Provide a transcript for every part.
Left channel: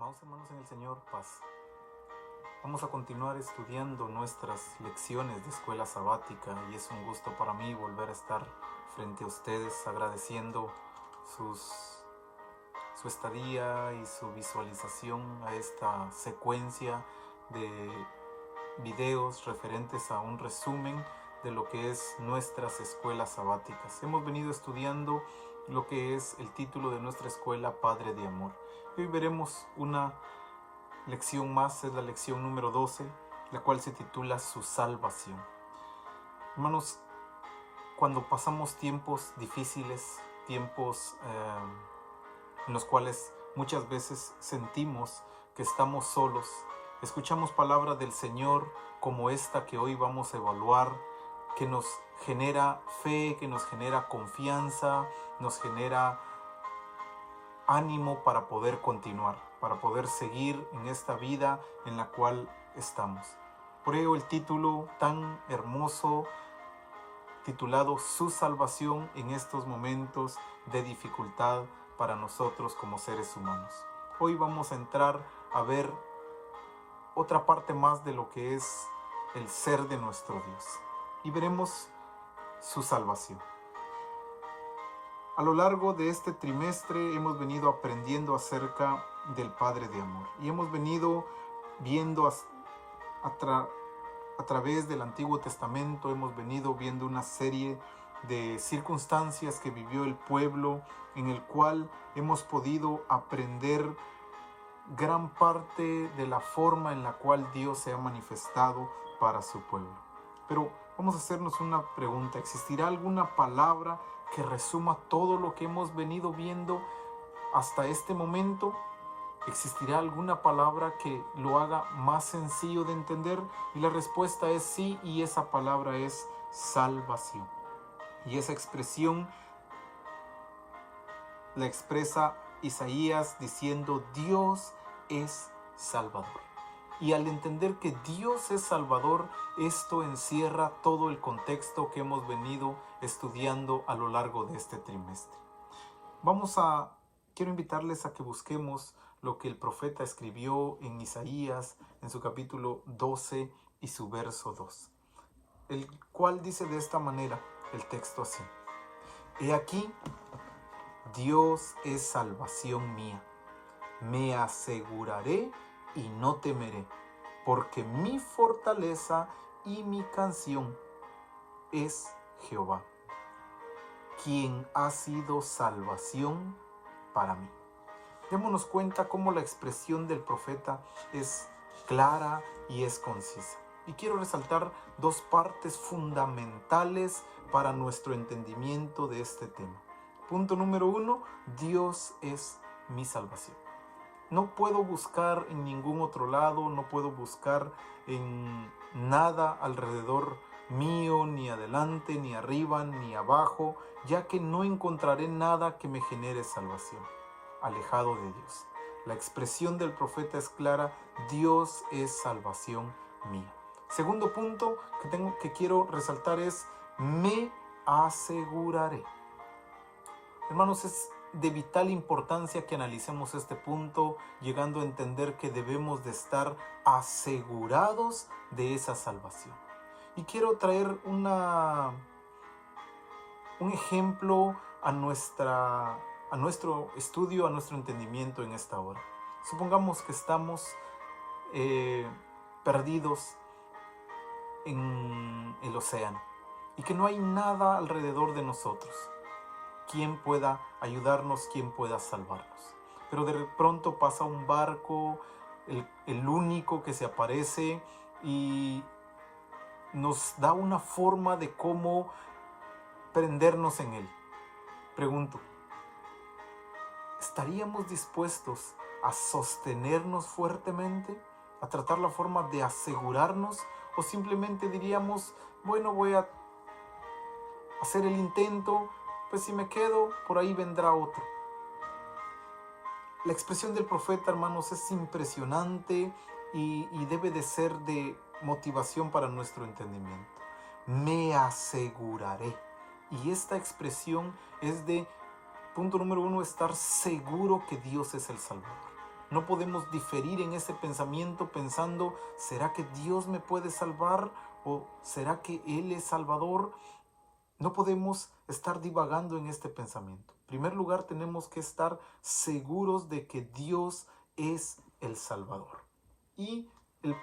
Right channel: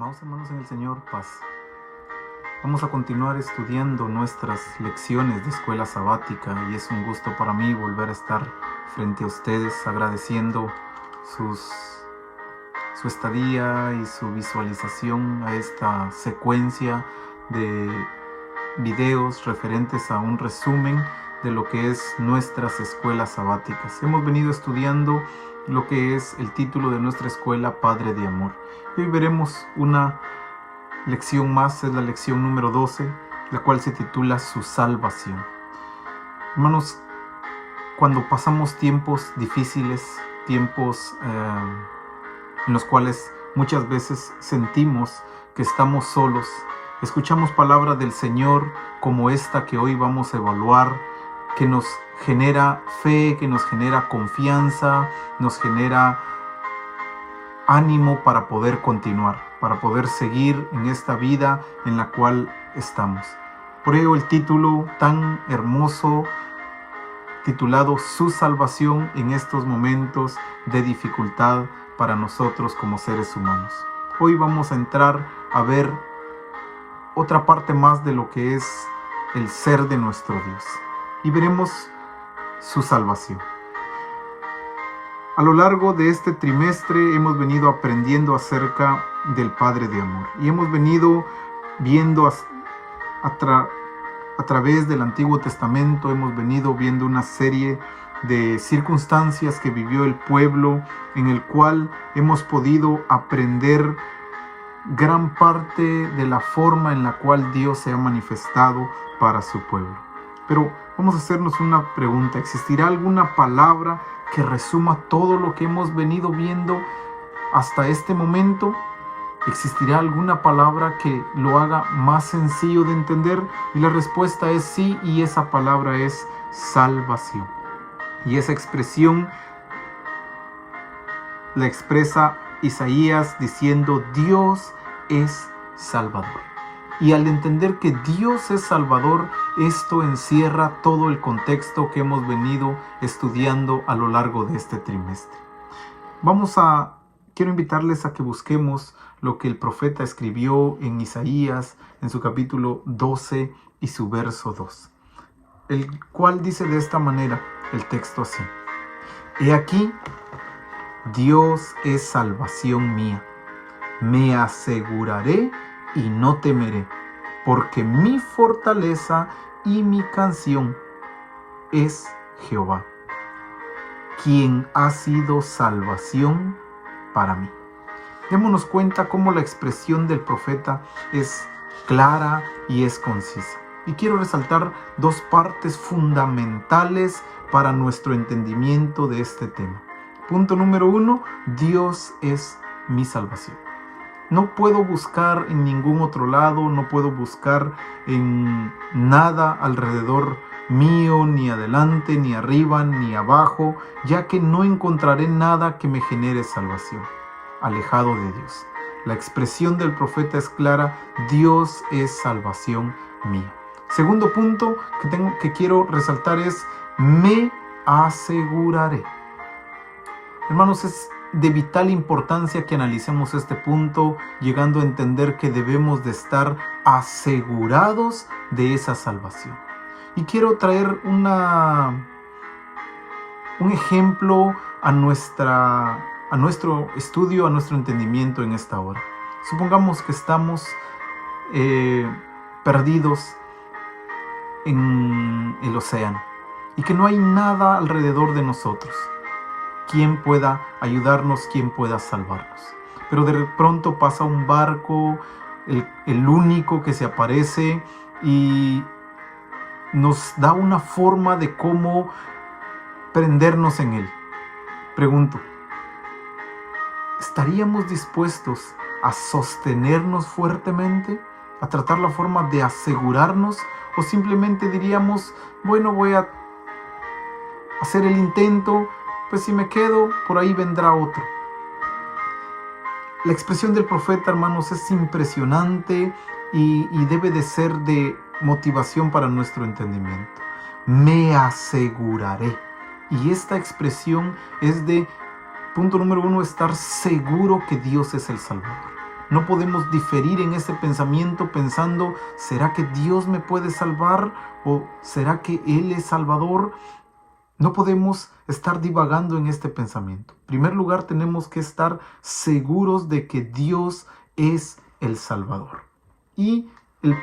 Amados hermanos en el Señor, paz. Vamos a continuar estudiando nuestras lecciones de escuela sabática y es un gusto para mí volver a estar frente a ustedes agradeciendo su estadía y su visualización a esta secuencia de videos referentes a un resumen de lo que es nuestras escuelas sabáticas. Hemos venido estudiando lo que es el título de nuestra escuela, Padre de Amor. Y hoy veremos una lección más, es la lección número 12, la cual se titula Su salvación. Hermanos, cuando pasamos tiempos difíciles, tiempos en los cuales muchas veces sentimos que estamos solos, escuchamos palabras del Señor como esta que hoy vamos a evaluar, que nos genera fe, que nos genera confianza, nos genera ánimo para poder continuar, para poder seguir en esta vida en la cual estamos. Por ello el título tan hermoso, titulado Su salvación en estos momentos de dificultad para nosotros como seres humanos. Hoy vamos a entrar a ver otra parte más de lo que es el ser de nuestro Dios y veremos su salvación. A lo largo de este trimestre hemos venido aprendiendo acerca del Padre de Amor y hemos venido viendo a través del Antiguo Testamento, hemos venido viendo una serie de circunstancias que vivió el pueblo, en el cual hemos podido aprender gran parte de la forma en la cual Dios se ha manifestado para su pueblo. Pero vamos a hacernos una pregunta: ¿existirá alguna palabra que resuma todo lo que hemos venido viendo hasta este momento? ¿Existirá alguna palabra que lo haga más sencillo de entender? Y la respuesta es sí, y esa palabra es salvación. Y esa expresión la expresa Isaías diciendo: Dios es Salvador. Y al entender que Dios es Salvador, esto encierra todo el contexto que hemos venido estudiando a lo largo de este trimestre. Quiero invitarles a que busquemos lo que el profeta escribió en Isaías, en su capítulo 12 y su verso 2, el cual dice de esta manera el texto así: He aquí, Dios es salvación mía, me aseguraré y no temeré, porque mi fortaleza y mi canción es Jehová, quien ha sido salvación para mí. Démonos cuenta cómo la expresión del profeta es clara y es concisa. Y quiero resaltar dos partes fundamentales para nuestro entendimiento de este tema. Punto número 1, Dios es mi salvación. No puedo buscar en ningún otro lado, no puedo buscar en nada alrededor mío, ni adelante, ni arriba, ni abajo, ya que no encontraré nada que me genere salvación, alejado de Dios. La expresión del profeta es clara: Dios es salvación mía. Segundo punto que quiero resaltar es: me aseguraré. Hermanos, es de vital importancia que analicemos este punto, llegando a entender que debemos de estar asegurados de esa salvación. Y quiero traer un ejemplo a nuestro estudio, a nuestro entendimiento en esta hora. Supongamos que estamos perdidos en el océano y que no hay nada alrededor de nosotros. ¿Quién pueda ayudarnos? ¿Quién pueda salvarnos? Pero de pronto pasa un barco, el único que se aparece, y nos da una forma de cómo prendernos en él. Pregunto, ¿estaríamos dispuestos a sostenernos fuertemente? ¿A tratar la forma de asegurarnos? ¿O simplemente diríamos, bueno, voy a hacer el intento, pues si me quedo, por ahí vendrá otro? La expresión del profeta, hermanos, es impresionante y debe de ser de motivación para nuestro entendimiento. Me aseguraré. Y esta expresión es de, punto número 1, estar seguro que Dios es el Salvador. no podemos diferir en ese pensamiento pensando, ¿será que Dios me puede salvar? ¿O será que Él es Salvador? No podemos estar divagando en este pensamiento. En primer lugar, tenemos que estar seguros de que Dios es el Salvador. Y el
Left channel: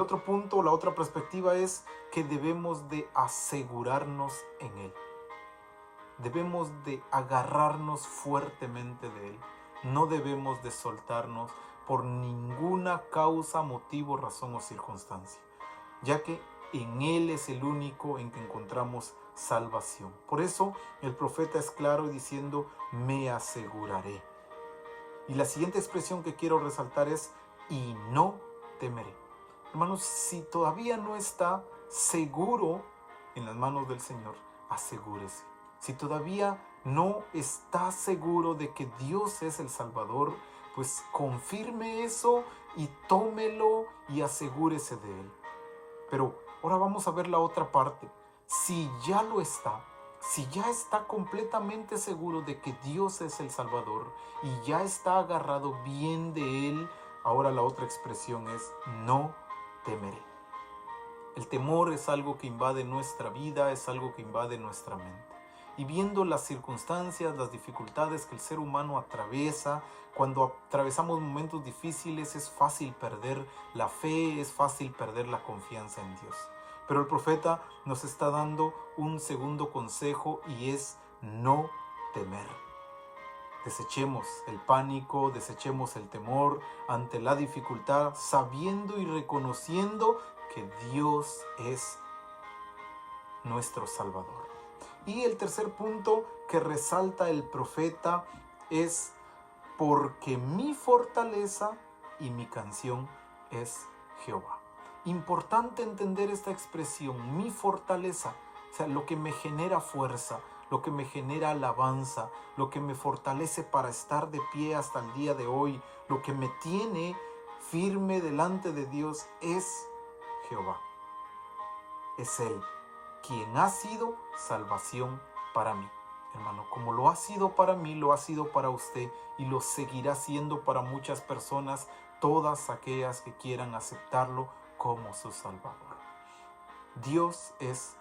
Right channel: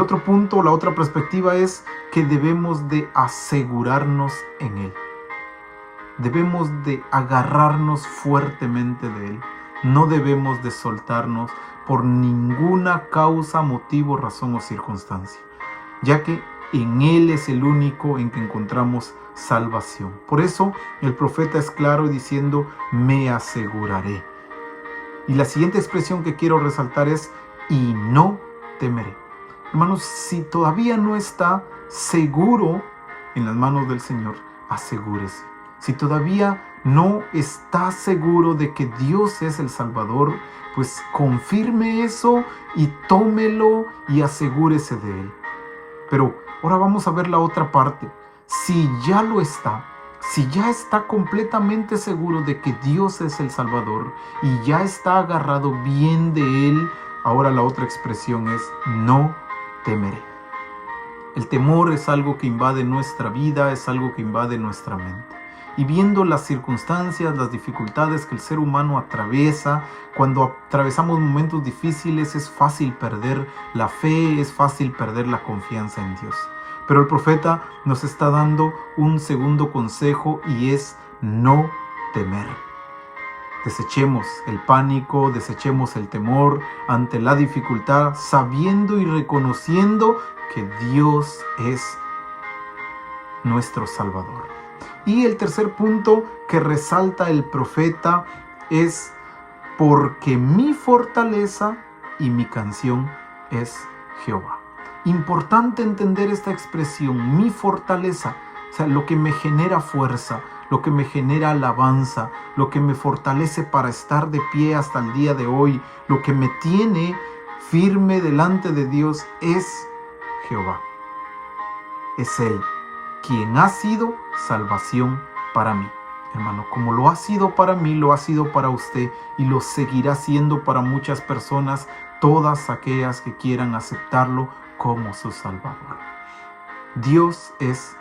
otro punto, la otra perspectiva es que debemos de asegurarnos en Él. Debemos de agarrarnos fuertemente de Él. No debemos de soltarnos por ninguna causa, motivo, razón o circunstancia, ya que en Él es el único en que encontramos salvación. Por eso el profeta es claro diciendo, me aseguraré. Y la siguiente expresión que quiero resaltar es, y no temeré. Hermanos, si todavía no está seguro en las manos del Señor, asegúrese. Si todavía no está seguro de que Dios es el Salvador, pues confirme eso y tómelo y asegúrese de Él. Pero ahora vamos a ver la otra parte. Si ya lo está, si ya está completamente seguro de que Dios es el Salvador y ya está agarrado bien de Él, ahora la otra expresión es, no temeré. El temor es algo que invade nuestra vida, es algo que invade nuestra mente. Y viendo las circunstancias, las dificultades que el ser humano atraviesa, cuando atravesamos momentos difíciles es fácil perder la fe, es fácil perder la confianza en Dios. Pero el profeta nos está dando un segundo consejo y es no temer. Desechemos el pánico, desechemos el temor ante la dificultad, sabiendo y reconociendo que Dios es nuestro Salvador. Y el tercer punto que resalta el profeta es porque mi fortaleza y mi canción es Jehová. Importante entender esta expresión, mi fortaleza, o sea, lo que me genera fuerza, lo que me genera alabanza, lo que me fortalece para estar de pie hasta el día de hoy, lo que me tiene firme delante de Dios es Jehová. Es Él quien ha sido salvación para mí. Hermano, como lo ha sido para mí, lo ha sido para usted y lo seguirá siendo para muchas personas, todas aquellas que quieran aceptarlo como su Salvador. Dios es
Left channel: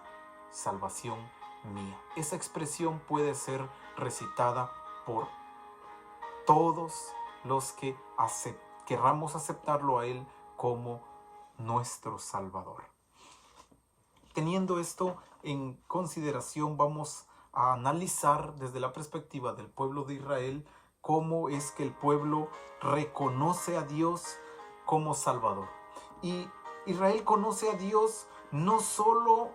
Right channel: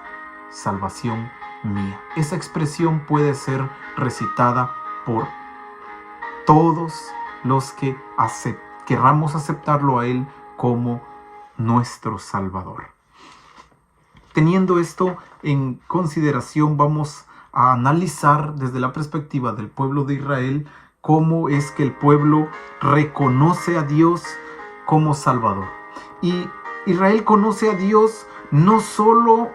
salvación mía. Esa expresión puede ser recitada por todos los que querramos aceptarlo a Él como nuestro Salvador. Teniendo esto en consideración, vamos a analizar desde la perspectiva del pueblo de Israel cómo es que el pueblo reconoce a Dios como Salvador. Y Israel conoce a Dios no solo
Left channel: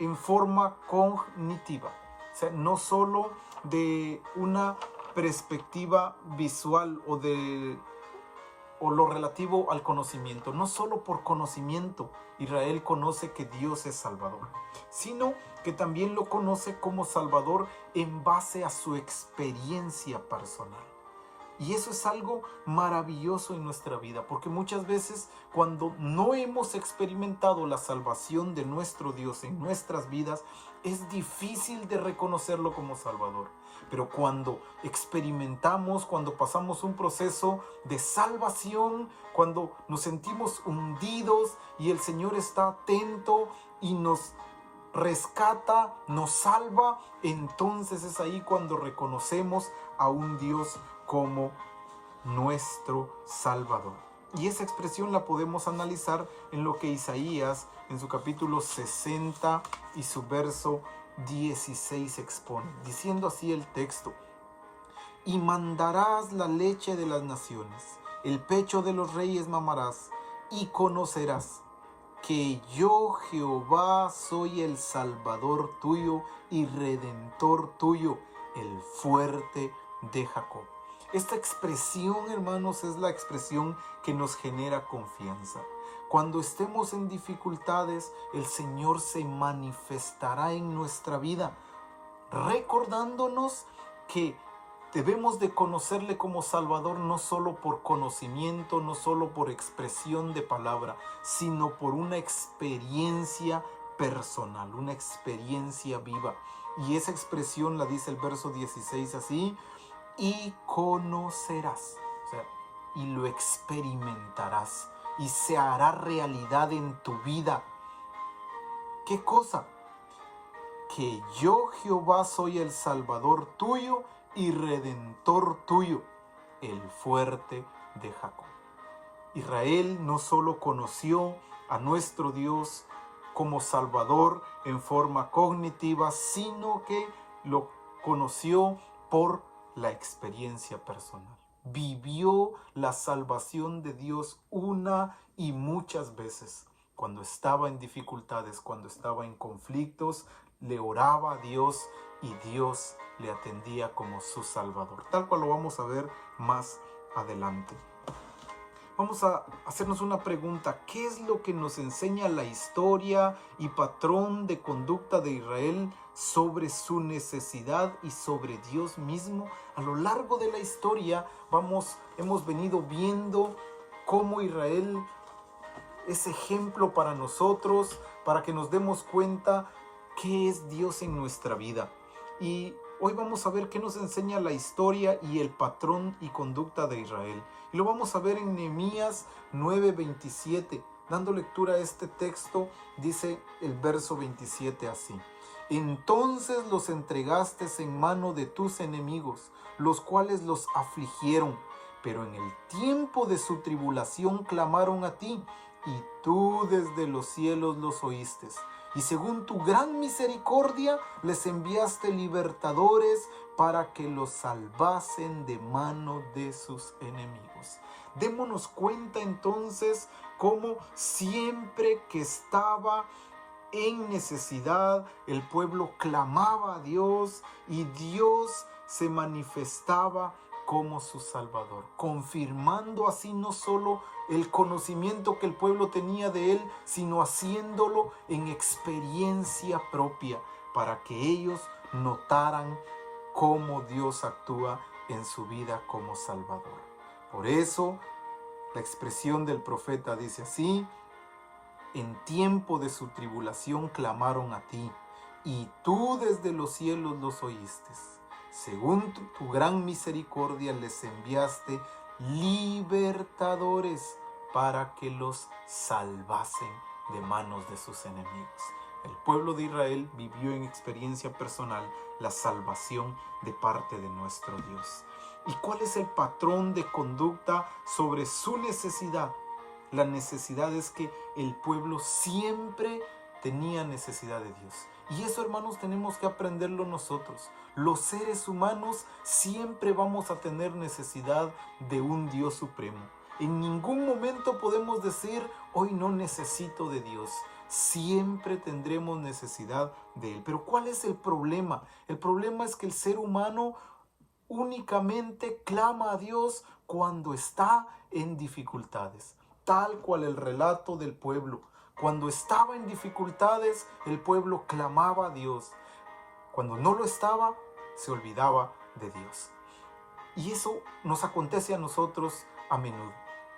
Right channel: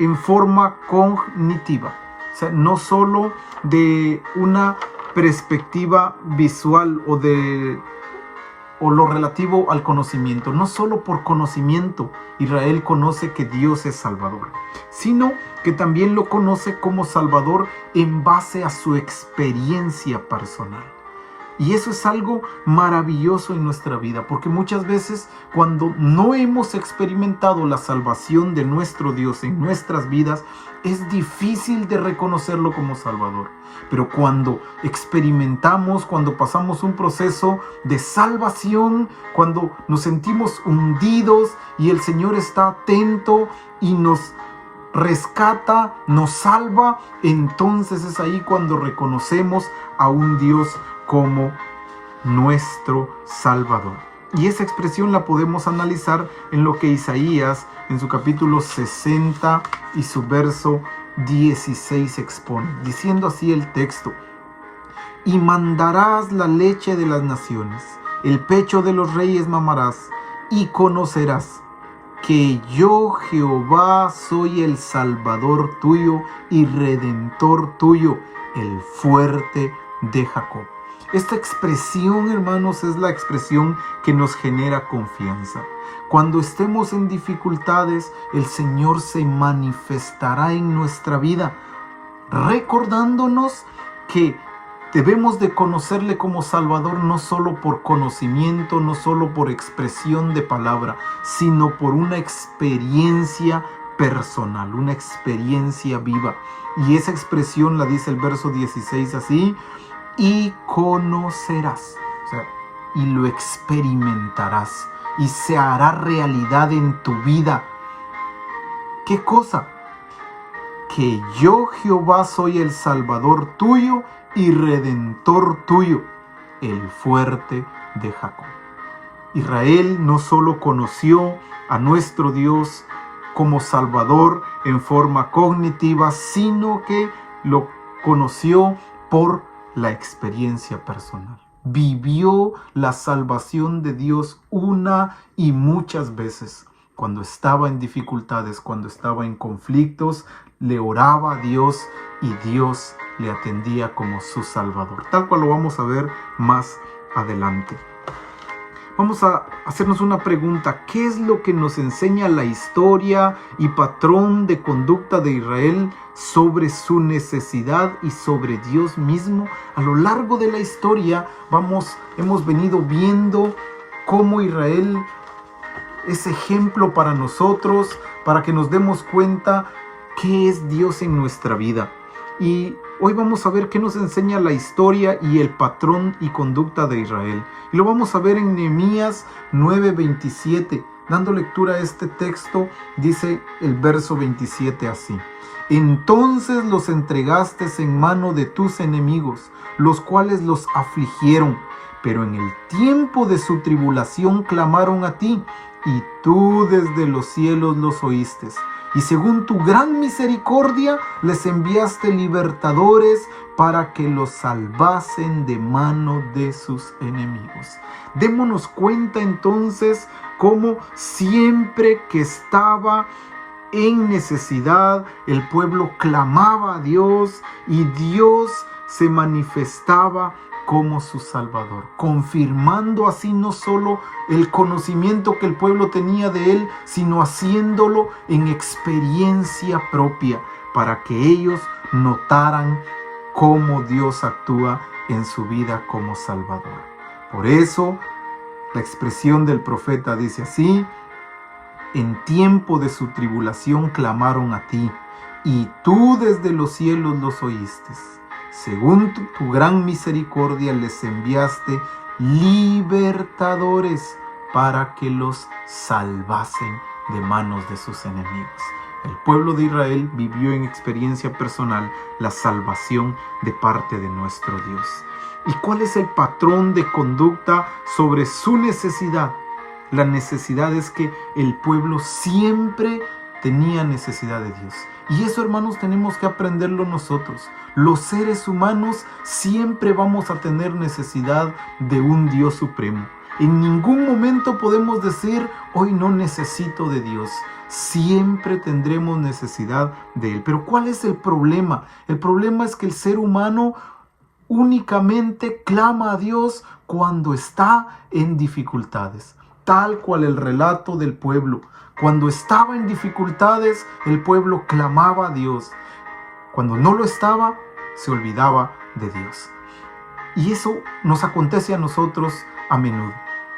en forma cognitiva, o sea, no solo de una perspectiva visual o lo relativo al conocimiento. No solo por conocimiento Israel conoce que Dios es Salvador, sino que también lo conoce como Salvador en base a su experiencia personal. Y eso es algo maravilloso en nuestra vida, porque muchas veces cuando no hemos experimentado la salvación de nuestro Dios en nuestras vidas, es difícil de reconocerlo como Salvador. Pero cuando experimentamos, cuando pasamos un proceso de salvación, cuando nos sentimos hundidos y el Señor está atento y nos rescata, nos salva, entonces es ahí cuando reconocemos a un Dios como nuestro Salvador. Y esa expresión la podemos analizar en lo que Isaías en su capítulo 60 y su verso 16 expone, diciendo así el texto: y mandarás la leche de las naciones, el pecho de los reyes mamarás, y conocerás que yo Jehová soy el Salvador tuyo y Redentor tuyo, el fuerte de Jacob. Esta expresión, hermanos, es la expresión que nos genera confianza. Cuando estemos en dificultades, el Señor se manifestará en nuestra vida, recordándonos que debemos de conocerle como Salvador no solo por conocimiento, no solo por expresión de palabra, sino por una experiencia personal, una experiencia viva. Y esa expresión la dice el verso 16 así: y conocerás. O sea, y lo experimentarás y se hará realidad en tu vida. ¿Qué cosa? Que yo, Jehová, soy el Salvador tuyo y Redentor tuyo, el fuerte de Jacob. Israel no solo conoció a nuestro Dios como Salvador en forma cognitiva, sino que lo conoció por la experiencia personal. Vivió la salvación de Dios una y muchas veces. Cuando estaba en dificultades, cuando estaba en conflictos, le oraba a Dios y Dios le atendía como su Salvador. Tal cual lo vamos a ver más adelante. Vamos a hacernos una pregunta. ¿Qué es lo que nos enseña la historia y patrón de conducta de Israel sobre su necesidad y sobre Dios mismo? A lo largo de la historia hemos venido viendo cómo Israel es ejemplo para nosotros, para que nos demos cuenta qué es Dios en nuestra vida. Y hoy vamos a ver qué nos enseña la historia y el patrón y conducta de Israel. Y lo vamos a ver en Nehemías 9:27. Dando lectura a este texto, dice el verso 27 así: Entonces los entregaste en mano de tus enemigos, los cuales los afligieron, pero en el tiempo de su tribulación clamaron a ti, y tú desde los cielos los oíste. Y según tu gran misericordia les enviaste libertadores para que los salvasen de mano de sus enemigos. Démonos cuenta entonces cómo siempre que estaba en necesidad, el pueblo clamaba a Dios y Dios se manifestaba como su Salvador, confirmando así no solo el conocimiento que el pueblo tenía de Él, sino haciéndolo en experiencia propia, para que ellos notaran cómo Dios actúa en su vida como Salvador. Por eso, la expresión del profeta dice así: en tiempo de su tribulación clamaron a ti, y tú desde los cielos los oíste. Según tu gran misericordia les enviaste libertadores para que los salvasen de manos de sus enemigos. El pueblo de Israel vivió en experiencia personal la salvación de parte de nuestro Dios. ¿Y cuál es el patrón de conducta sobre su necesidad? La necesidad es que el pueblo siempre tenía necesidad de Dios. Y eso, hermanos, tenemos que aprenderlo nosotros. Los seres humanos siempre vamos a tener necesidad de un Dios supremo. En ningún momento podemos decir, hoy no necesito de Dios. Siempre tendremos necesidad de Él. Pero ¿cuál es el problema? El problema es que el ser humano únicamente clama a Dios cuando está en dificultades. Tal cual el relato del pueblo. Cuando estaba en dificultades, el pueblo clamaba a Dios. Cuando no lo estaba, se olvidaba de Dios. Y eso nos acontece a nosotros a menudo,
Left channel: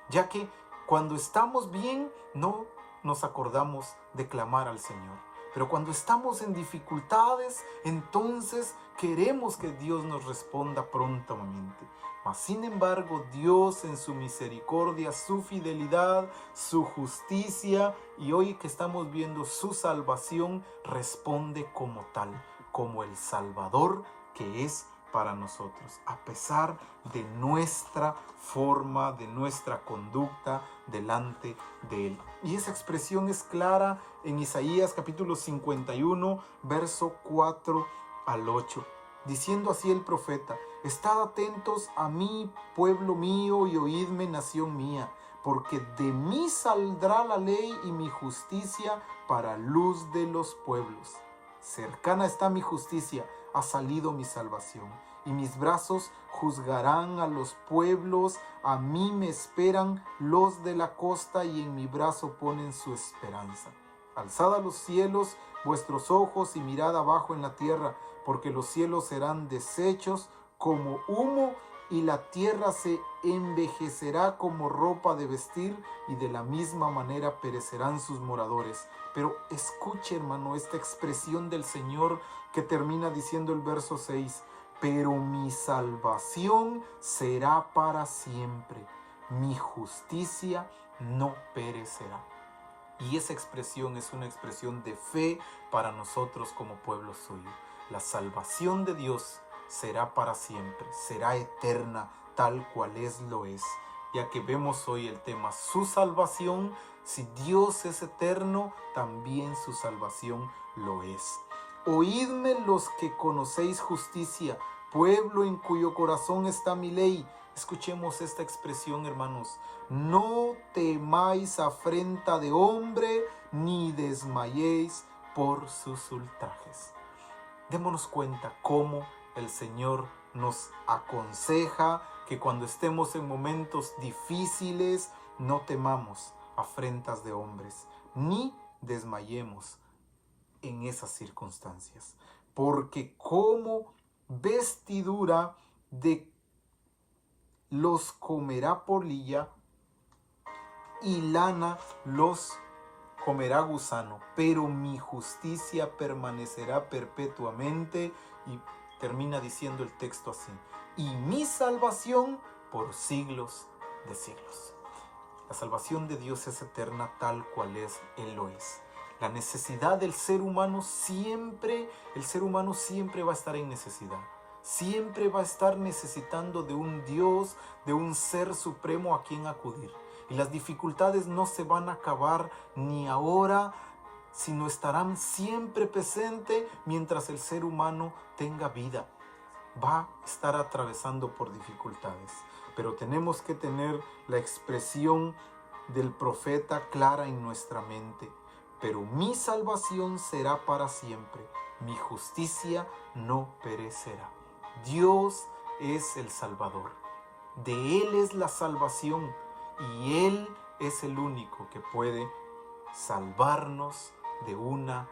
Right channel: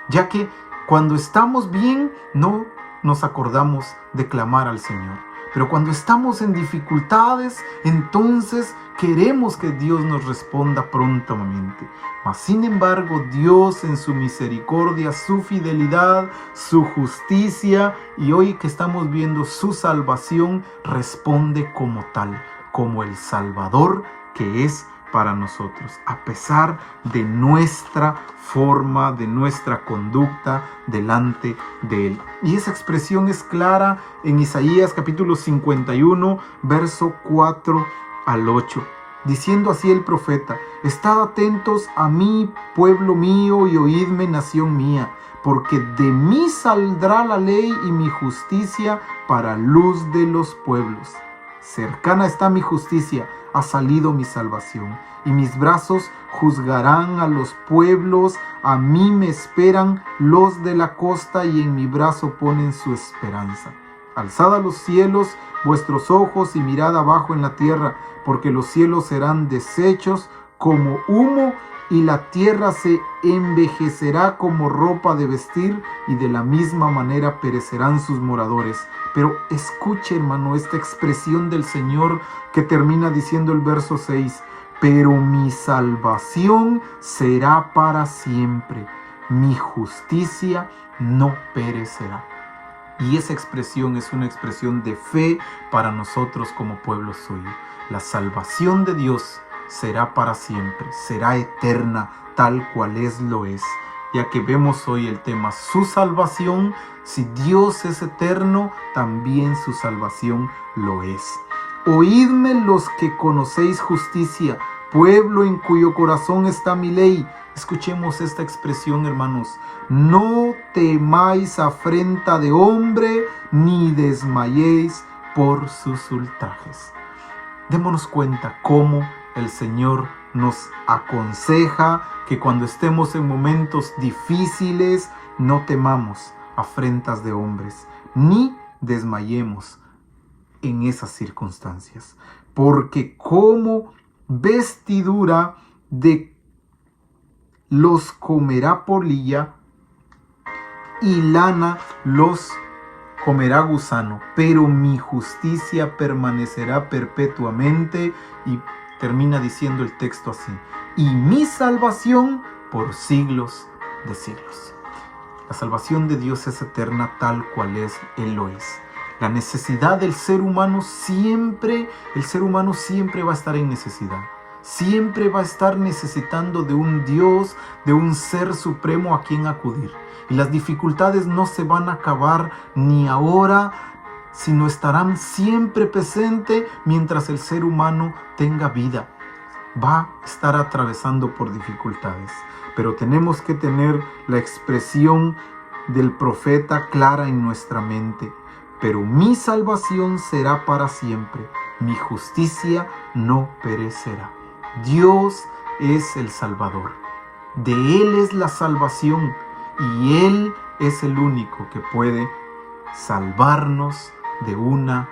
ya que cuando estamos bien, no nos acordamos de clamar al Señor. Pero cuando estamos en dificultades, entonces queremos que Dios nos responda prontamente. Mas sin embargo, Dios en su misericordia, su fidelidad, su justicia y hoy que estamos viendo su salvación, responde como tal, como el Salvador que es para nosotros, a pesar de nuestra forma, de nuestra conducta delante de Él. Y esa expresión es clara en Isaías capítulo 51, verso 4 al 8. Diciendo así el profeta: Estad atentos a mí, pueblo mío, y oídme, nación mía, porque de mí saldrá la ley y mi justicia para luz de los pueblos. Cercana está mi justicia, ha salido mi salvación, y mis brazos juzgarán a los pueblos. A mí me esperan los de la costa, y en mi brazo ponen su esperanza. Alzad a los cielos vuestros ojos y mirad abajo en la tierra, porque los cielos serán deshechos como humo, y la tierra se envejecerá como ropa de vestir, y de la misma manera perecerán sus moradores. Pero escuche, hermano, esta expresión del Señor que termina diciendo el verso 6: pero mi salvación será para siempre, mi justicia no perecerá. Y esa expresión es una expresión de fe para nosotros como pueblo suyo. La salvación de Dios será para siempre, será eterna, tal cual lo es. Ya que vemos hoy el tema, su salvación, si Dios es eterno, también su salvación lo es. Oídme los que conocéis justicia, pueblo en cuyo corazón está mi ley. Escuchemos esta expresión, hermanos. No temáis afrenta de hombre, ni desmayéis por sus ultrajes. Démonos cuenta cómo el Señor nos aconseja que cuando estemos en momentos difíciles no temamos afrentas de hombres, ni desmayemos en esas circunstancias. Porque como vestidura de los comerá polilla y lana los comerá gusano, pero mi justicia permanecerá perpetuamente. Y termina diciendo el texto así: y mi salvación por siglos de siglos. La salvación de Dios es eterna, tal cual Él lo es. La necesidad del ser humano siempre, el ser humano siempre va a estar en necesidad. Siempre va a estar necesitando de un Dios, de un ser supremo a quien acudir. Y las dificultades no se van a acabar ni ahora, sino estarán siempre presentes mientras el ser humano tenga vida. Va a estar atravesando por dificultades. Pero tenemos que tener la expresión del profeta clara en nuestra mente. Pero mi salvación será para siempre, mi justicia no perecerá. Dios es el Salvador. De Él es la salvación y Él es el único que puede salvarnos de una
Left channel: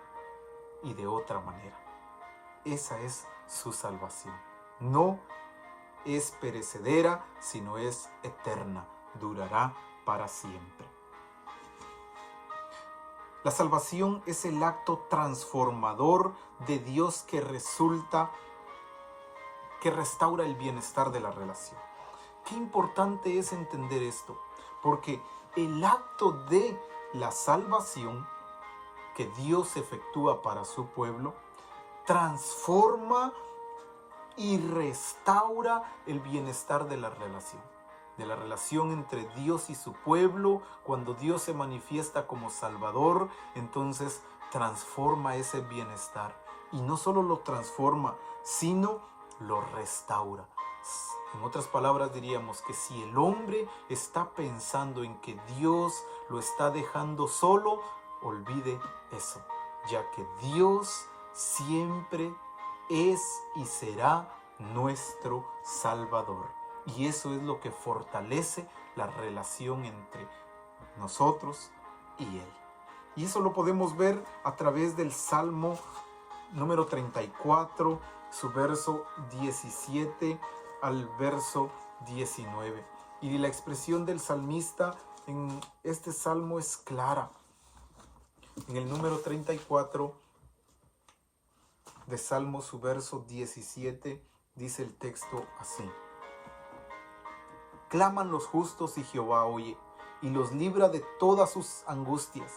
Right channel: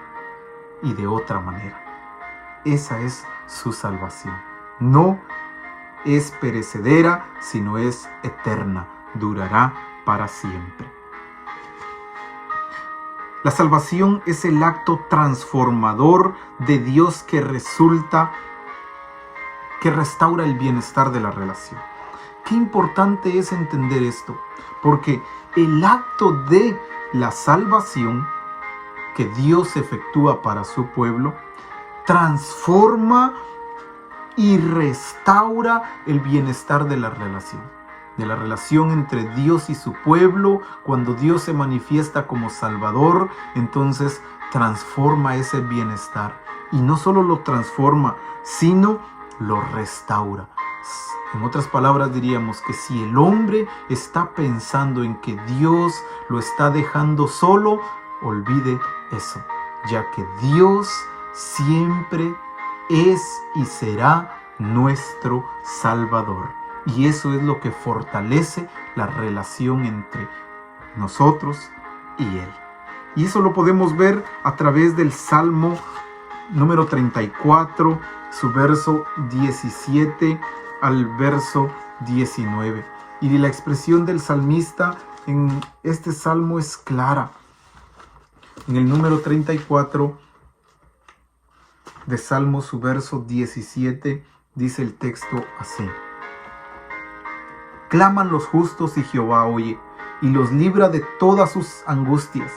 y de otra manera. Esa es su salvación. No es perecedera, sino es eterna. Durará para siempre. La salvación es el acto transformador de Dios que restaura el bienestar de la relación. Qué importante es entender esto, porque el acto de la salvación que Dios efectúa para su pueblo transforma y restaura el bienestar de la relación entre Dios y su pueblo. Cuando Dios se manifiesta como Salvador, entonces transforma ese bienestar. Y no solo lo transforma, sino lo restaura. En otras palabras diríamos que si el hombre está pensando en que Dios lo está dejando solo, olvide eso, ya que Dios siempre es y será nuestro Salvador. Y eso es lo que fortalece la relación entre nosotros y Él. Y eso lo podemos ver a través del Salmo número 34, su verso 17 al verso 19. Y la expresión del salmista en este salmo es clara. En el número 34 de Salmo, su verso 17, dice el texto así: claman los justos y Jehová oye, y los libra de todas sus angustias.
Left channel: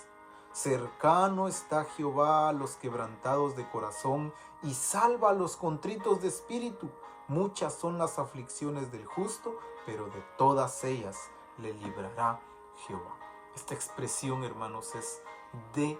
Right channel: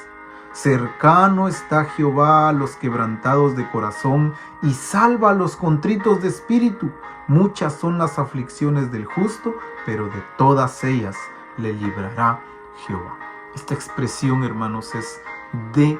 Cercano está Jehová a los quebrantados de corazón, y salva a los contritos de espíritu. Muchas son las aflicciones del justo, pero de todas ellas le librará Jehová. Esta expresión, hermanos, es de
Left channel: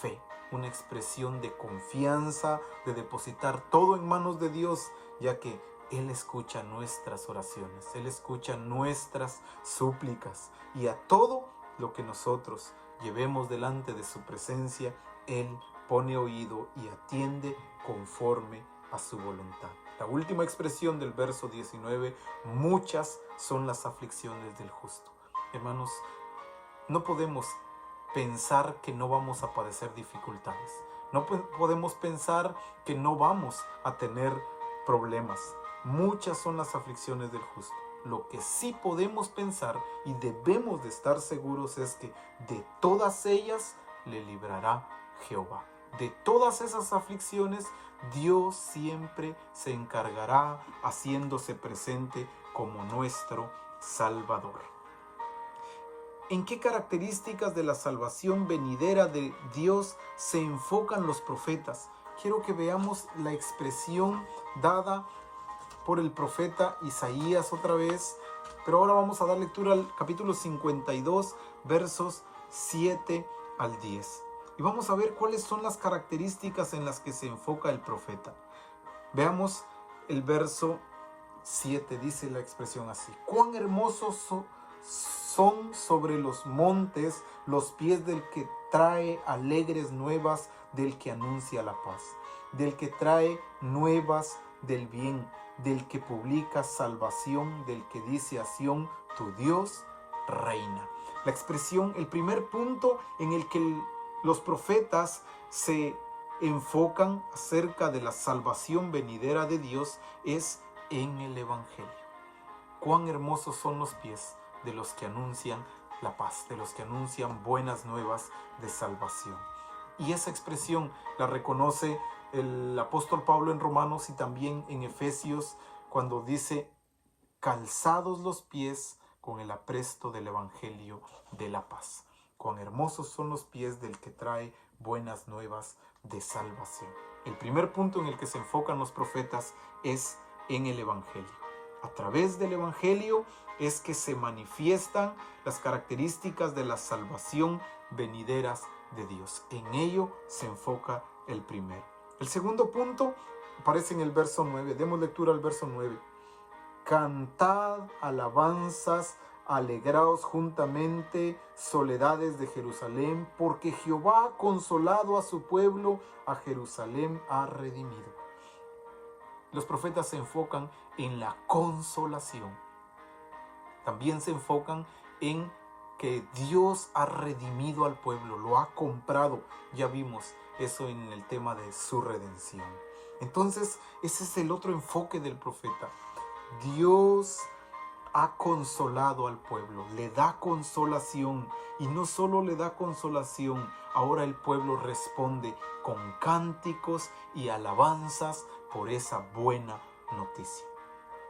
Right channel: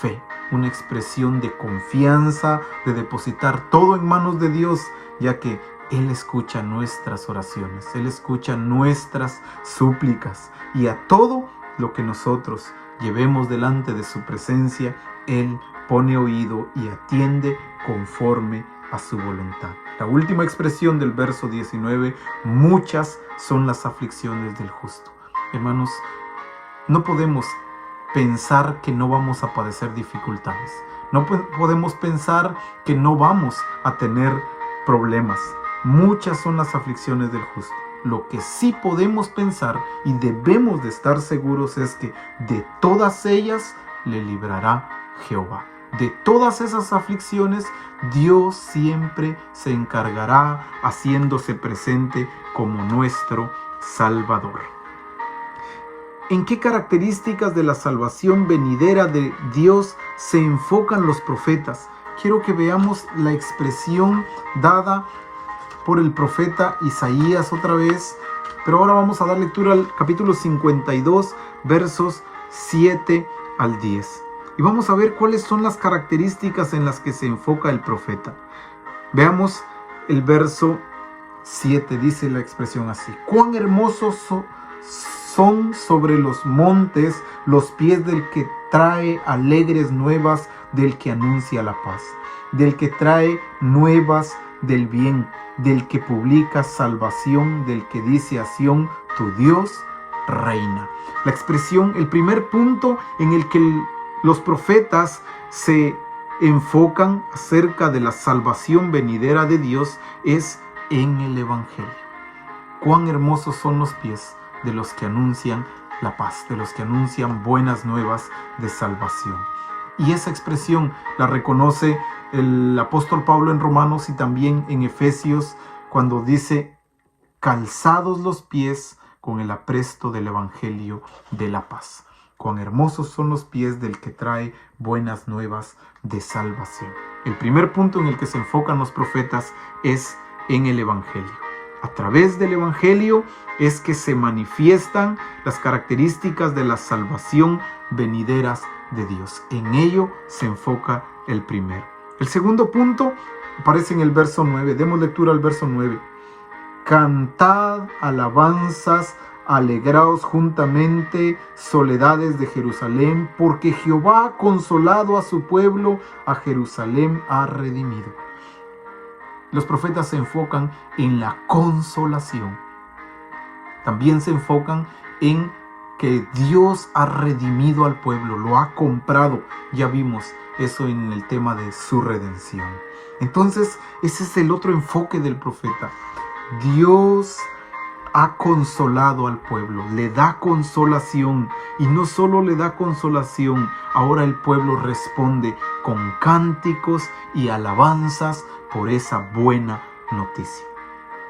fe, una expresión de confianza, de depositar todo en manos de Dios, ya que Él escucha nuestras oraciones, Él escucha nuestras súplicas, y a todo lo que nosotros llevemos delante de su presencia, Él pone oído y atiende conforme a su voluntad. La última expresión del verso 19: muchas son las aflicciones del justo. Hermanos, no podemos pensar que no vamos a padecer dificultades. No podemos pensar que no vamos a tener problemas. Muchas son las aflicciones del justo. Lo que sí podemos pensar y debemos de estar seguros es que de todas ellas le librará Jehová. De todas esas aflicciones, Dios siempre se encargará haciéndose presente como nuestro Salvador. ¿En qué características de la salvación venidera de Dios se enfocan los profetas? Quiero que veamos la expresión dada por el profeta Isaías otra vez, pero ahora vamos a dar lectura al capítulo 52, versos 7 al 10. Y vamos a ver cuáles son las características en las que se enfoca el profeta. Veamos el verso 7, dice la expresión así: cuán hermosos son sobre los montes los pies del que trae alegres nuevas, del que anuncia la paz, del que trae nuevas del bien, del que publica salvación, del que dice a Sión, tu Dios reina. La expresión, el primer punto en el que los profetas se enfocan acerca de la salvación venidera de Dios es en el Evangelio. Cuán hermosos son los pies de los que anuncian la paz, de los que anuncian buenas nuevas de salvación. Y esa expresión la reconoce el apóstol Pablo en Romanos y también en Efesios, cuando dice: calzados los pies con el apresto del Evangelio de la paz. Cuán hermosos son los pies del que trae buenas nuevas de salvación. El primer punto en el que se enfocan los profetas es en el Evangelio. A través del Evangelio es que se manifiestan las características de la salvación venideras de Dios. En ello se enfoca el primero. El segundo punto aparece en el verso 9. Demos lectura al verso 9. Cantad alabanzas, alegraos juntamente, soledades de Jerusalén, porque Jehová ha consolado a su pueblo, a Jerusalén ha redimido. Los profetas se enfocan en la consolación. También se enfocan en que Dios ha redimido al pueblo, lo ha comprado. Ya vimos eso en el tema de su redención. Entonces, ese es el otro enfoque del profeta. Dios ha consolado al pueblo, le da consolación, y no solo le da consolación, ahora el pueblo responde con cánticos y alabanzas por esa buena noticia.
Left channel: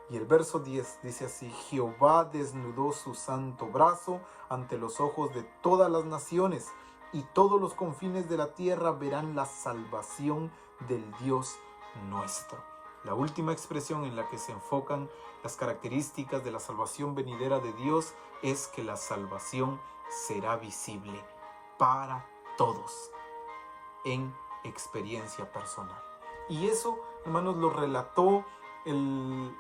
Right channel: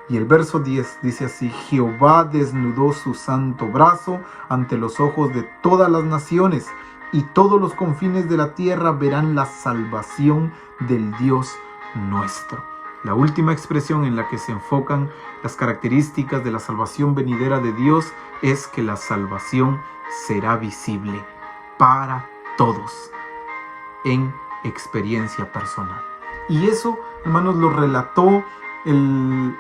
Y el verso 10 dice así: Jehová desnudó su santo brazo ante los ojos de todas las naciones, y todos los confines de la tierra verán la salvación del Dios nuestro. La última expresión en la que se enfocan las características de la salvación venidera de Dios es que la salvación será visible para todos en experiencia personal. Y eso, hermanos, lo relató el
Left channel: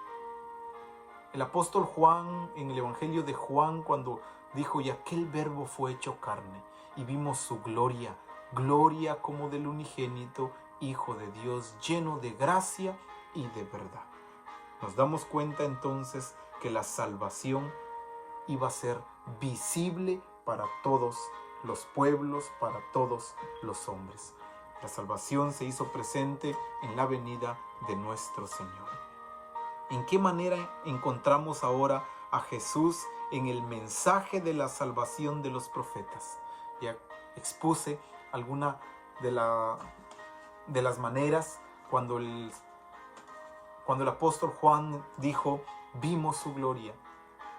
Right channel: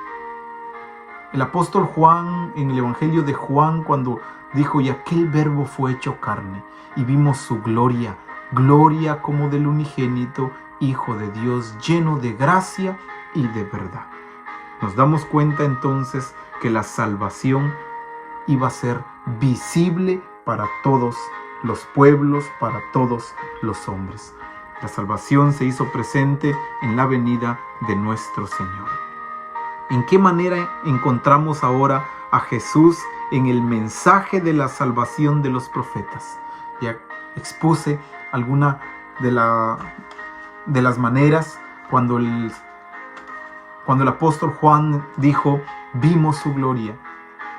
apóstol Juan en el Evangelio de Juan, cuando dijo: y aquel verbo fue hecho carne, y vimos su gloria, gloria como del unigénito Hijo de Dios, lleno de gracia y de verdad. Nos damos cuenta entonces que la salvación iba a ser visible para todos los pueblos, para todos los hombres. La salvación se hizo presente en la venida de nuestro Señor. ¿En qué manera encontramos ahora a Jesús en el mensaje de la salvación de los profetas? Ya expuse alguna de las maneras cuando el apóstol Juan dijo: vimos su gloria,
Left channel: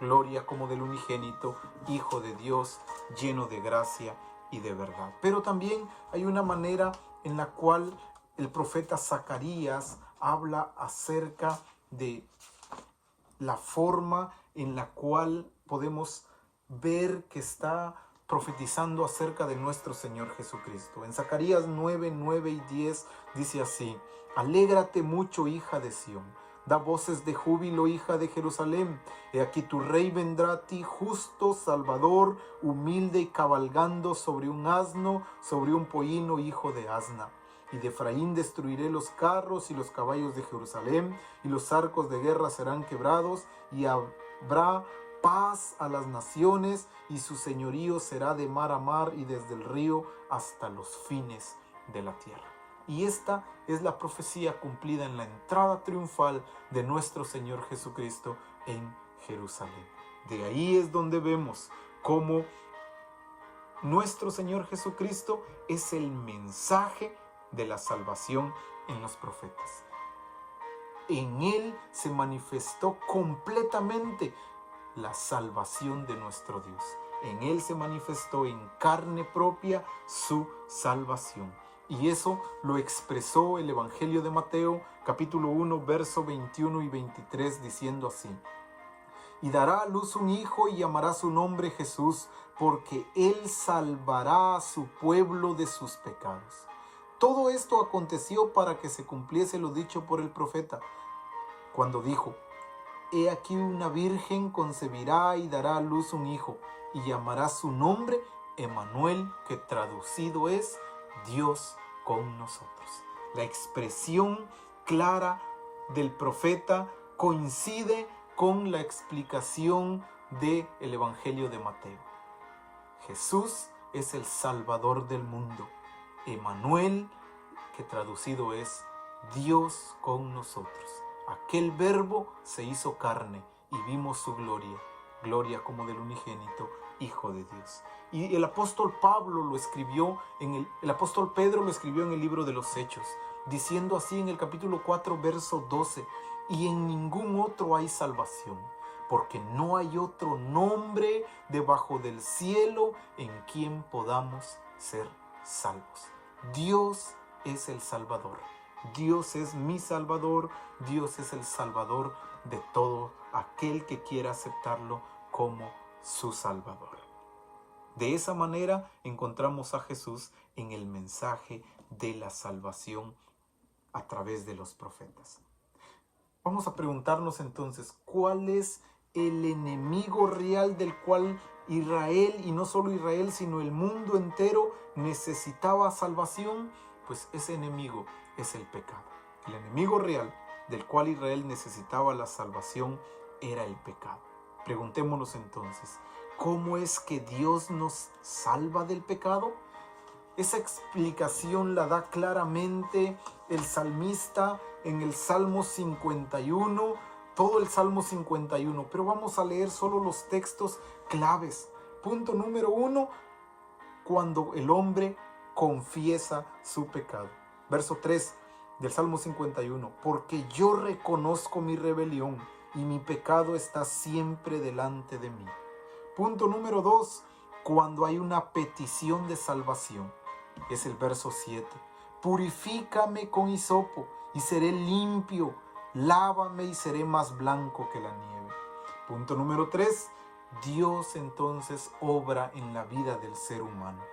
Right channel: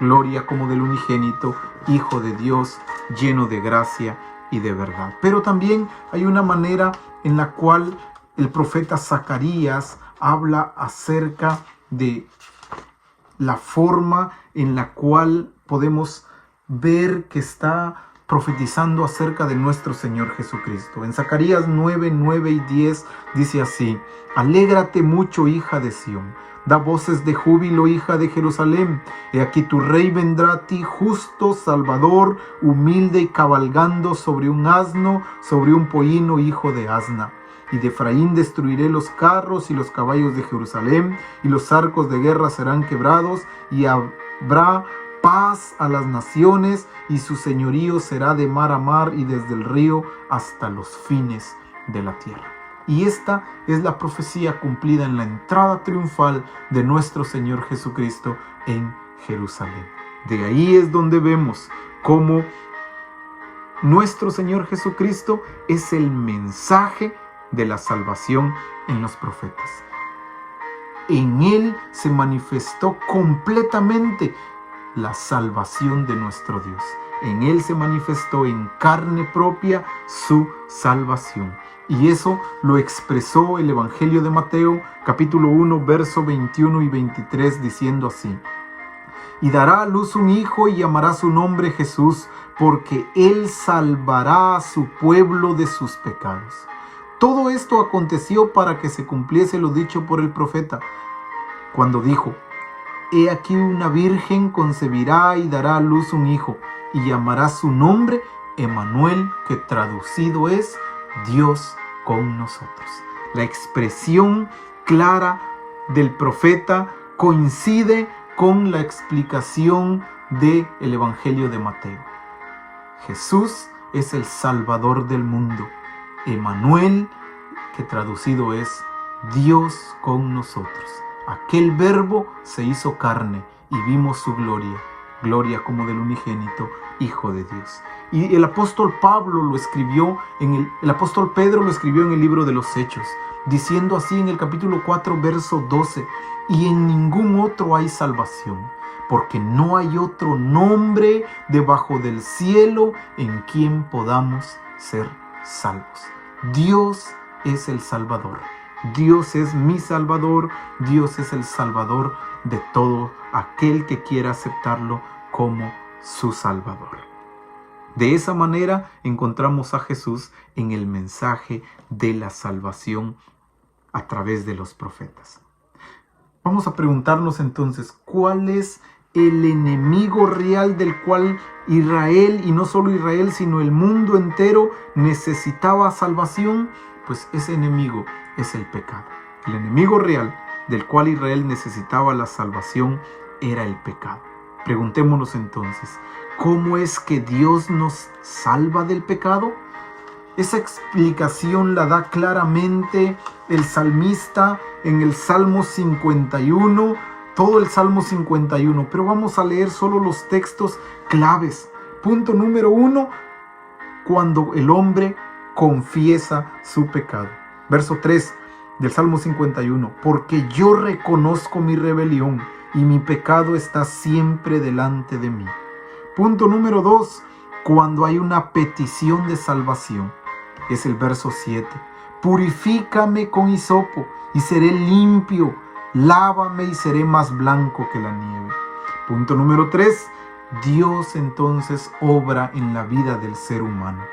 gloria como del unigénito Hijo de Dios, lleno de gracia y de verdad. Pero también hay una manera en la cual el profeta Zacarías habla acerca de la forma en la cual podemos ver que está profetizando acerca de nuestro Señor Jesucristo. En Zacarías 9, 9 y 10 dice así: alégrate mucho, hija de Sión, da voces de júbilo, hija de Jerusalén. He aquí tu rey vendrá a ti, justo, salvador, humilde y cabalgando sobre un asno, sobre un pollino, hijo de asna. Y de Efraín destruiré los carros y los caballos de Jerusalén, y los arcos de guerra serán quebrados, y habrá paz a las naciones, y su señorío será de mar a mar y desde el río hasta los fines de la tierra. Y esta es la profecía cumplida en la entrada triunfal de nuestro Señor Jesucristo en Jerusalén. De ahí es donde vemos cómo nuestro Señor Jesucristo es el mensaje de la salvación en los profetas. En Él se manifestó completamente la salvación de nuestro Dios. En Él se manifestó en carne propia su salvación. Y eso lo expresó el Evangelio de Mateo, capítulo 1, verso 21 y 23, diciendo así: y dará a luz un hijo y llamará su nombre Jesús, porque Él salvará a su pueblo de sus pecados. Todo esto aconteció para que se cumpliese lo dicho por el profeta, cuando dijo: he aquí una virgen concebirá y dará a luz un hijo, y llamará su nombre Emmanuel, que traducido es Dios con nosotros. La expresión clara del profeta coincide con la explicación del Evangelio de Mateo. Jesús es el Salvador del mundo. Emmanuel, que traducido es Dios con nosotros. Aquel verbo se hizo carne y vimos su gloria, gloria como del unigénito Hijo de Dios. Y el apóstol Pablo lo escribió, el apóstol Pedro lo escribió en el libro de los Hechos, diciendo así en el capítulo 4, verso 12: y en ningún otro hay salvación, porque no hay otro nombre debajo del cielo en quien podamos ser salvos. Dios es el Salvador. Dios es mi Salvador. Dios es el Salvador de todo aquel que quiera aceptarlo como su Salvador. De esa manera encontramos a Jesús en el mensaje de la salvación a través de los profetas. Vamos a preguntarnos entonces, ¿cuál es el enemigo real del cual Israel, y no solo Israel, sino el mundo entero, necesitaba salvación? Pues ese enemigo es el pecado. El enemigo real del cual Israel necesitaba la salvación era el pecado. Preguntémonos entonces, ¿cómo es que Dios nos salva del pecado? Esa explicación la da claramente el salmista en el Salmo 51, todo el Salmo 51, pero vamos a leer solo los textos claves. Punto número 1, cuando el hombre confiesa su pecado. Verso 3 del Salmo 51, porque yo reconozco mi rebelión y mi pecado está siempre delante de mí. Punto número 2, cuando hay una petición de salvación, es el verso 7. Purifícame con hisopo y seré limpio, lávame y seré más blanco que la nieve. Punto número 3, Dios entonces obra en la vida del ser humano.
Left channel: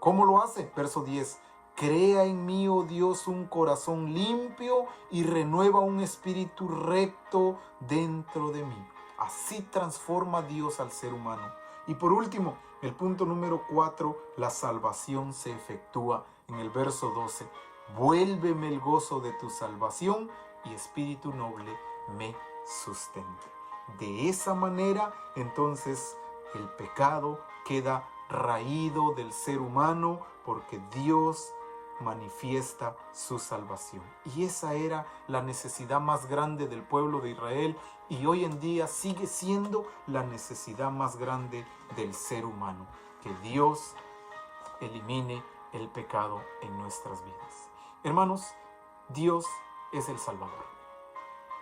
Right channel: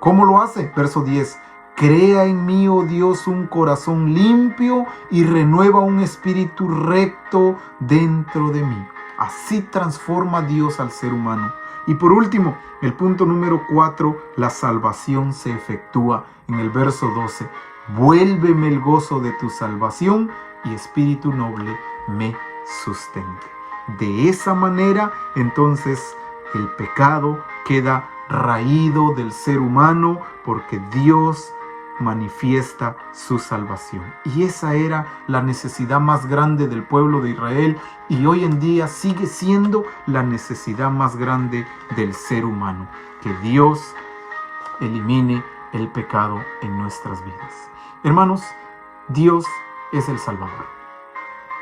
¿Cómo lo hace? Verso 10. Crea en mí, oh Dios, un corazón limpio y renueva un espíritu recto dentro de mí. Así transforma Dios al ser humano. Y por último, el punto número 4, la salvación se efectúa en el verso 12. Vuélveme el gozo de tu salvación y espíritu noble me sustente. De esa manera, entonces, el pecado queda raído del ser humano porque Dios manifiesta su salvación. Y esa era la necesidad más grande del pueblo de Israel y hoy en día sigue siendo la necesidad más grande del ser humano, que Dios elimine el pecado en nuestras vidas. Hermanos, Dios es el Salvador.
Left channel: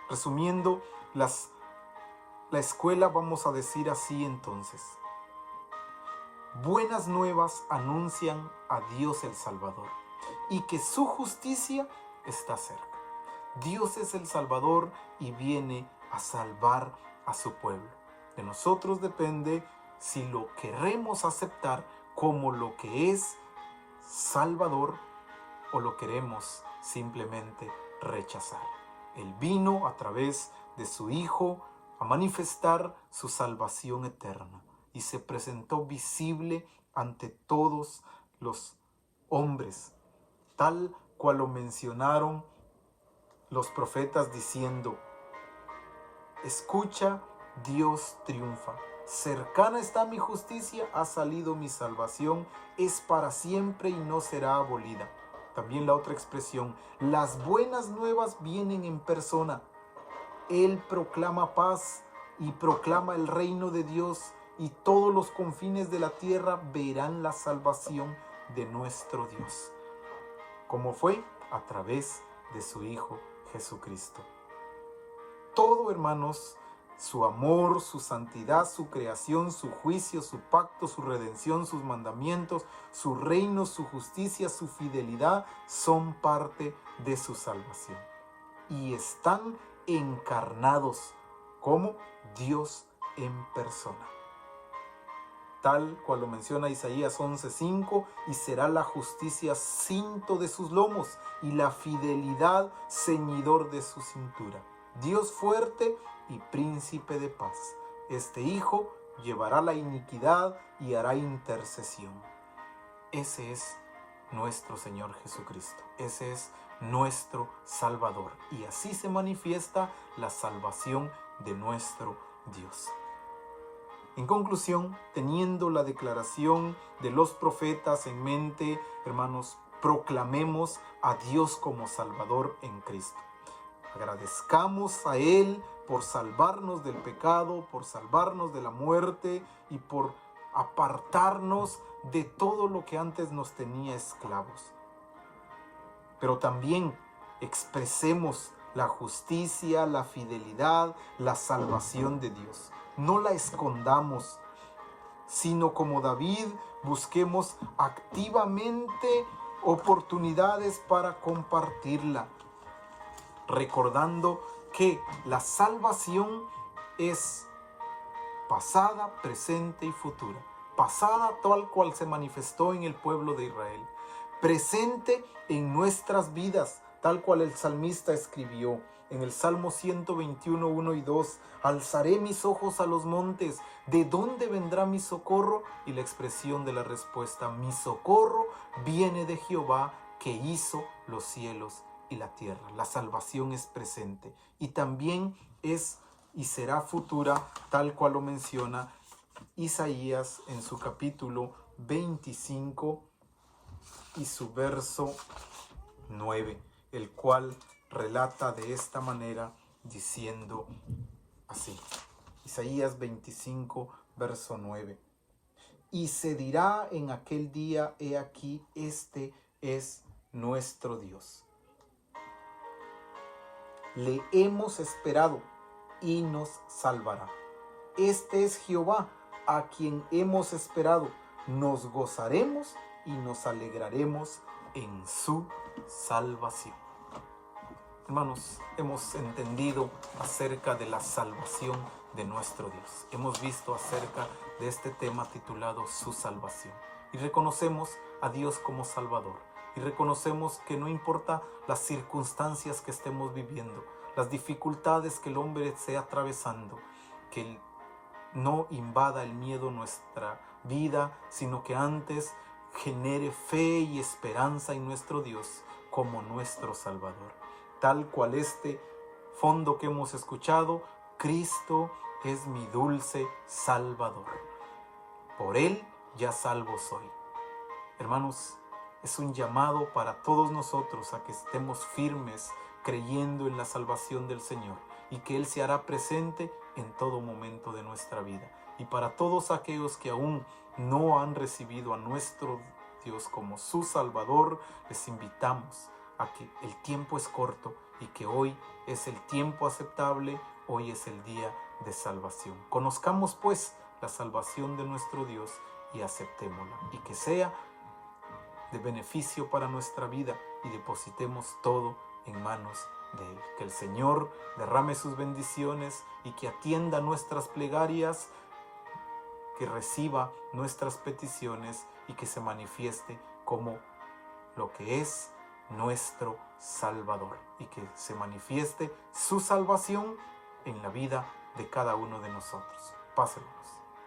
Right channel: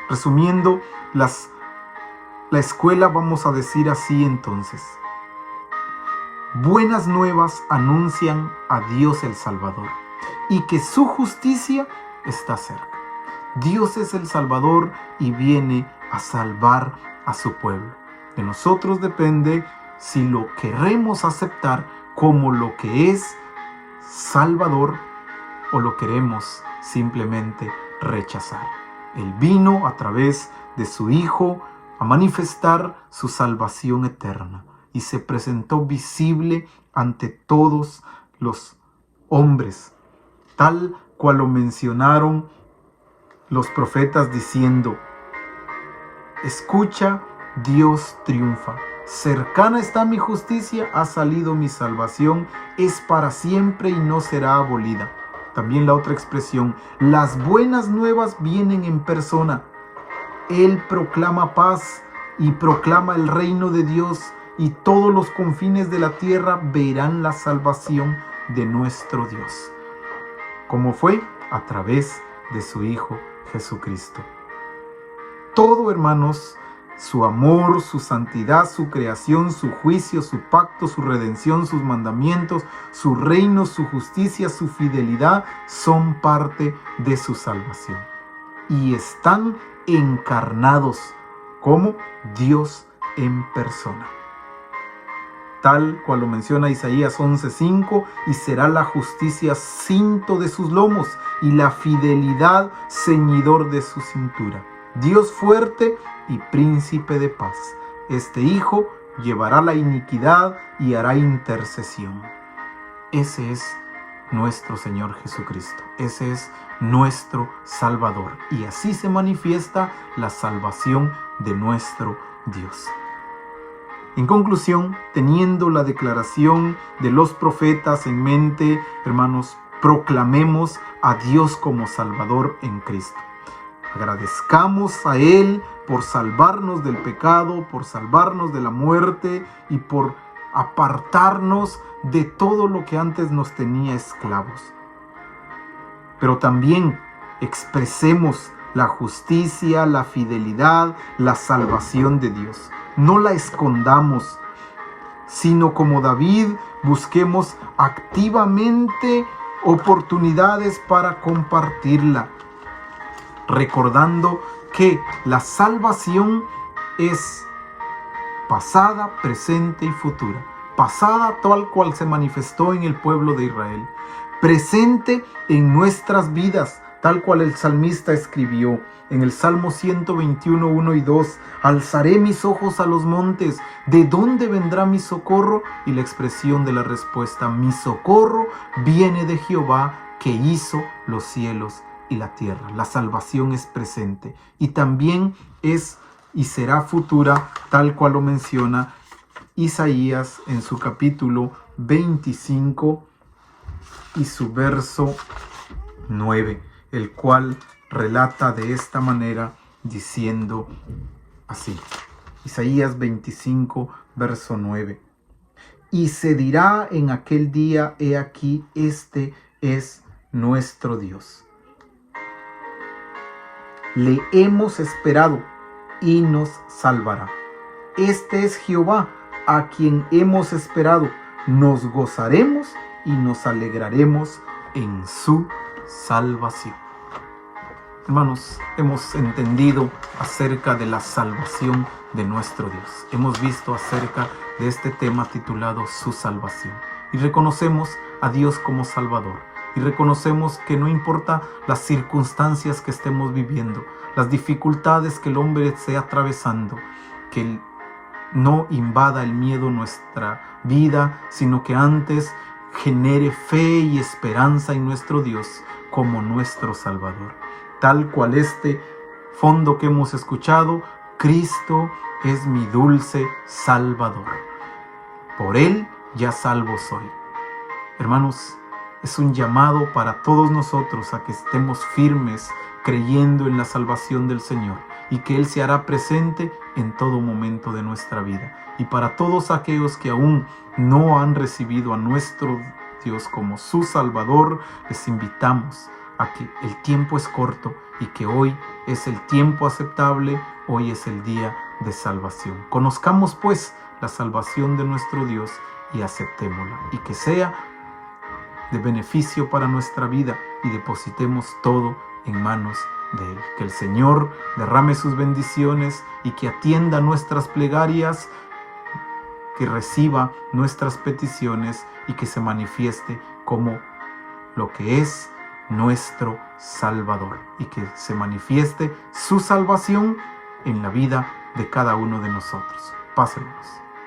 Resumiendo la escuela, vamos a decir así entonces: buenas nuevas anuncian a Dios el Salvador y que su justicia está cerca. Dios es el Salvador y viene a salvar a su pueblo. De nosotros depende si lo queremos aceptar como lo que es Salvador o lo queremos simplemente rechazar. Él vino a través de su Hijo a manifestar su salvación eterna y se presentó visible ante todos los hombres, tal cual lo mencionaron los profetas diciendo: escucha, Dios triunfa. Cercana está mi justicia, ha salido mi salvación, es para siempre y no será abolida. También la otra expresión, las buenas nuevas vienen en persona. Él proclama paz y proclama el reino de Dios y todos los confines de la tierra verán la salvación de nuestro Dios. ¿Cómo fue? A través de su Hijo Jesucristo. Todo, hermanos, Su amor, su santidad, su creación, su juicio, su pacto, su redención, sus mandamientos, su reino, su justicia, su fidelidad son parte de su salvación. Y están encarnados como Dios en persona. Tal cual lo menciona Isaías 11:5, y será la justicia cinto de sus lomos y la fidelidad ceñidor de su cintura. Dios fuerte y príncipe de paz. Este Hijo llevará la iniquidad y hará intercesión. Ese es nuestro Señor Jesucristo. Ese es nuestro Salvador. Y así se manifiesta la salvación de nuestro Dios. En conclusión, teniendo la declaración de los profetas en mente, hermanos, proclamemos a Dios como Salvador en Cristo. Agradezcamos a Él por salvarnos del pecado, por salvarnos de la muerte y por apartarnos de todo lo que antes nos tenía esclavos. Pero también expresemos la justicia, la fidelidad, la salvación de Dios. No la escondamos, sino como David busquemos activamente oportunidades para compartirla, recordando que la salvación es pasada, presente y futura. Pasada tal cual se manifestó en el pueblo de Israel, presente en nuestras vidas, tal cual el salmista escribió en el Salmo 121, 1 y 2, alzaré mis ojos a los montes, ¿de dónde vendrá mi socorro? Y la expresión de la respuesta, mi socorro viene de Jehová, que hizo los cielos y la tierra. La salvación es presente y también es y será futura, tal cual lo menciona Isaías en su capítulo 25 y su verso 9, el cual relata de esta manera diciendo así. Isaías 25, verso 9. Y se dirá en aquel día, he aquí, este es nuestro Dios. Le hemos esperado y nos salvará. Este es Jehová, a quien hemos esperado. Nos gozaremos y nos alegraremos en su salvación. Hermanos, hemos entendido acerca de la salvación de nuestro Dios. Hemos visto acerca de este tema titulado Su salvación. Y reconocemos a Dios como Salvador. Y reconocemos que no importa las circunstancias que estemos viviendo, las dificultades que el hombre esté atravesando, que no invada el miedo nuestra vida, sino que antes genere fe y esperanza en nuestro Dios como nuestro Salvador. Tal cual este fondo que hemos escuchado, Cristo es mi dulce Salvador. Por Él ya salvo soy. Hermanos, es un llamado para todos nosotros a que estemos firmes creyendo en la salvación del Señor y que Él se hará presente en todo momento de nuestra vida. Y para todos aquellos que aún no han recibido a nuestro Dios como su Salvador, les invitamos a que el tiempo es corto y que hoy es el tiempo aceptable, hoy es el día de salvación. Conozcamos pues la salvación de nuestro Dios y aceptémosla, y que sea de beneficio para nuestra vida y depositemos todo en manos de Él. Que el Señor derrame sus bendiciones y que atienda nuestras plegarias, que reciba nuestras peticiones y que se manifieste como lo que es nuestro Salvador y que se manifieste su salvación en la vida de cada uno de nosotros. Pásenlos.